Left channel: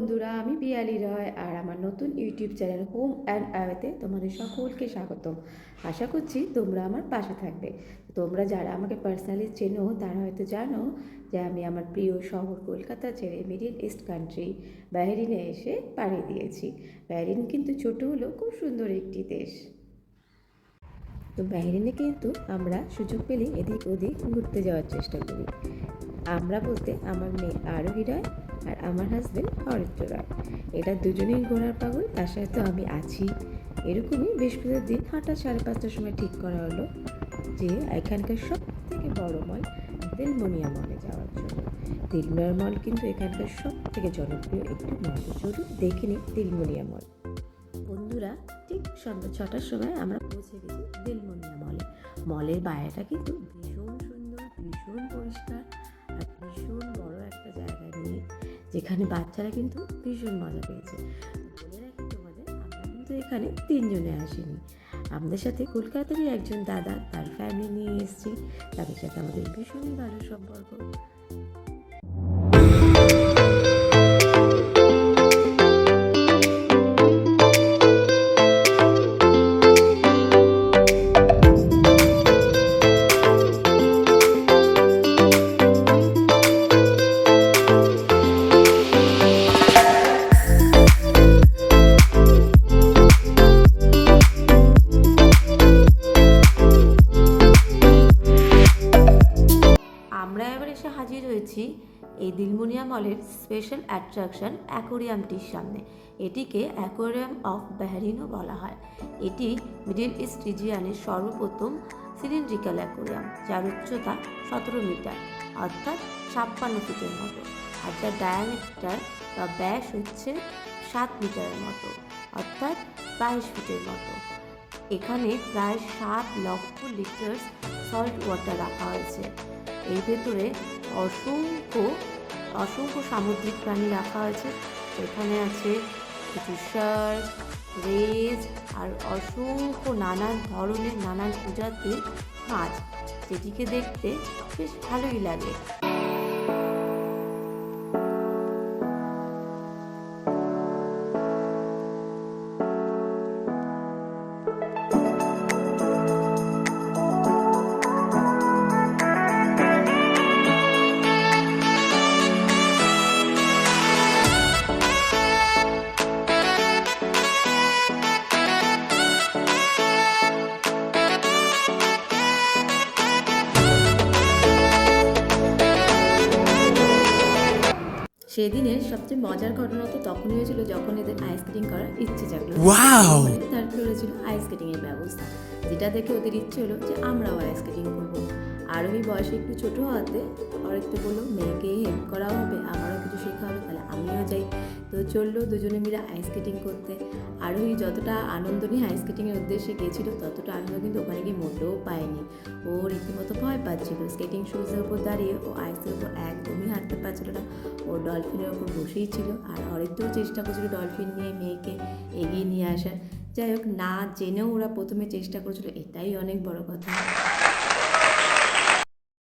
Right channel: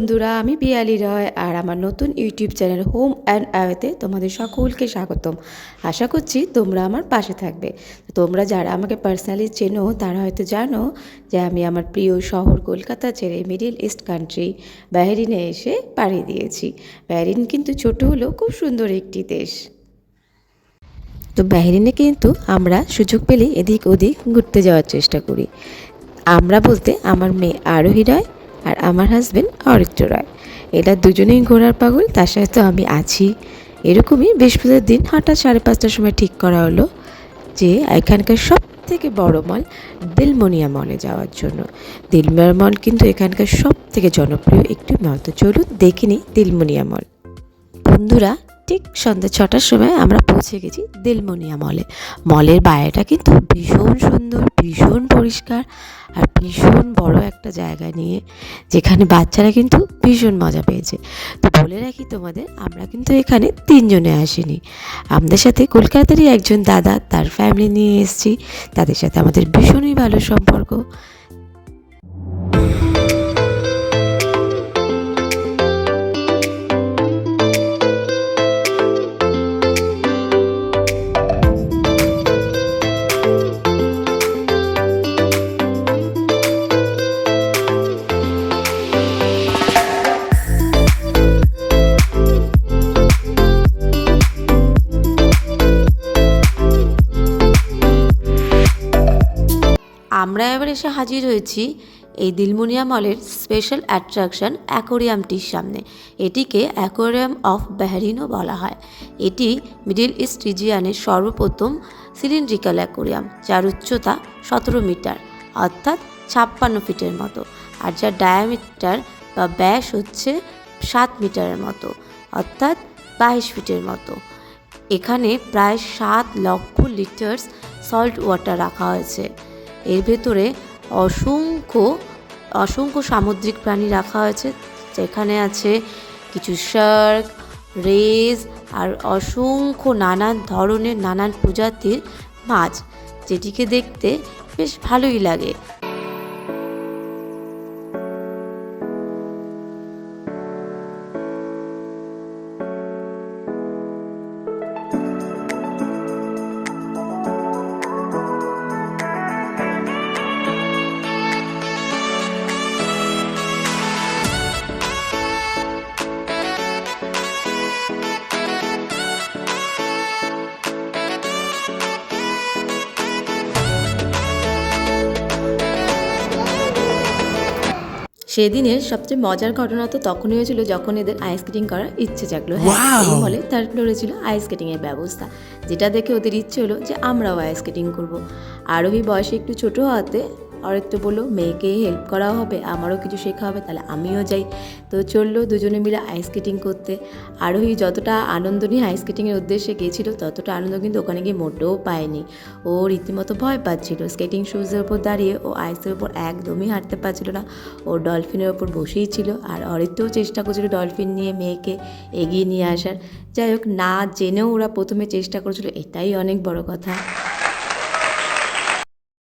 বন্ধুরা, আমি পিয়ালি রয় আর আমার নতুন ইউটিউব চ্যানেল হোম অ্যান্ড অ্যাওয়েতে তোমাদের সকলকে স্বাগতম। আশা করছি তোমরা আমার পাশে থাকবে। তোমরা যারা আমাকে পার্সোনালি চেনো তারা হয়তো জানো যে আমি আমার প্রিয় শহর কলকাতা ছেড়ে মিডল ইস্ট কান্ট্রি বাহরিনে এসে পাড়ি দিয়েছি। বাহরিন কিন্তু ছোট হলেও খুব সুন্দর একটি দেশ। তো বাহরিনে কিন্তু আমরা সুযোগ পেলে এদিক ওদিক ঘুরতে যাওয়ার চেষ্টা করি। আমরা বলতে আমার মেয়ে আরোহী রয় আর আমার হাজব্যান্ড অরিত্র রয়। এরা দুজনেই ঘোরার পাগল, তার সাথে তো আমি আছি। এরকমই বৃহস্পতিবার দিন হঠাৎ 5:30টার সময় ঠিক করা হলো যে এখানকার সব থেকে বড় মল দিলমনিয়া মলে যাওয়ার জন্য। দিলমনিয়া মল কিন্তু এখানকার সব থেকে জনপ্রিয় একটি মল। তো চলুন দেখে নিই দিলমনিয়া মল। বন্ধুরা, ঠিক সন্ধ্যা 6টার সময় আমরা পৌঁছে গেছি দিলমনিয়া মলে। মলের বাইরেটা কিন্তু ভীষণ সুন্দর, ভীষণ পরিষ্কার আর ভীষণ বড় একটা জায়গা নিয়ে, যেখানে বাচ্চারা কিন্তু ভীষণ মজা পেয়েছে। তো বলে রাখি তোমাদের, আমরা কিন্তু এখানে 3 জনে আসিনি। আমাদের সাথে কলকাতারই একজন দাদা, তার ফ্যামিলি নিয়ে এসেছি। তাদের সাথে আমাদের ভীষণই ভালো সম্পর্ক। আমরা এবার এসে হাজির হয়েছি এই দিলমনিয়া মলের স্পেশাল অ্যাট্রাকশন অ্যাকোরিয়ামটির সামনে। এটিকে অ্যাকোরিয়াম অফ বাহরিনও বলা হয়। এটি মিডল ইস্ট রিজিয়ানের সর্বপ্রথম সিলিন্ড্রিক্যাল অ্যাকোরিয়াম, যার উচ্চতা 17 মিটার অর্থাৎ 56 ফিটের মতো, আর যার ডায়ামিটার বা ব্যাস হচ্ছে 7 মিটারের মতো অর্থাৎ 22 ফিটের মতো। এখানে প্রায় 7 লক্ষ লিটার্স সল্ট ওয়াটার রাখা হয়েছে। এর ভেতরে অসংখ্য সামুদ্রিক প্রাণী রাখা হয়েছে, যেখানে আছে কিছু শার্ক, রেজ আর অসংখ্য নানান ধরনের নানান প্রজাতির মাছ, যেটিকে দেখতে বেশ ভালোই লাগে। সেদিনের সবচেয়ে মজার ঘটনা তো তখনই হয়েছিল যখন এদের আইস স্কেটিং করার ইচ্ছে জাগলো। ফলে তার ফ্লোরে ছিল আইস স্কেটিং এর ব্যবস্থা, যেটা দেখে ওদের ইচ্ছে হলো যে আমরাও আইস স্কেটিং করবো। আরোহী বয়সে একটু ছোট হওয়াতে অরিত্র বললো মেয়েকে হেল্প করাও হবে, আমারও কিছু শেখা হবে, তাহলে আমিও যাই। তো চললো দুজনে মিলে আইস স্কেটিং করতে। আরোহী যতটা আনন্দ নিয়ে আইস স্কেটিংয়ের উদ্দেশ্যে গিয়েছিল, ততটা আনন্দ কিন্তু ওখানে গিয়ে মোটেও পায়নি। ও রীতিমতো ভয় পাচ্ছিল। স্কেটিং শুজের উপর দাঁড়িয়ে ও আইসের উপর একদমই হাঁটতে পারছিল না। ও ডলফিনের ওপর বসেই ছিল, আর অরিত্রও চেষ্টা করছিল ডলফিন নিয়ে মেয়েকে এগিয়ে নিয়ে আসার। যাই হোক, না জেনেও ওরা প্রথমে চেষ্টা করেছিল, এটাই অনেক বড় কথা।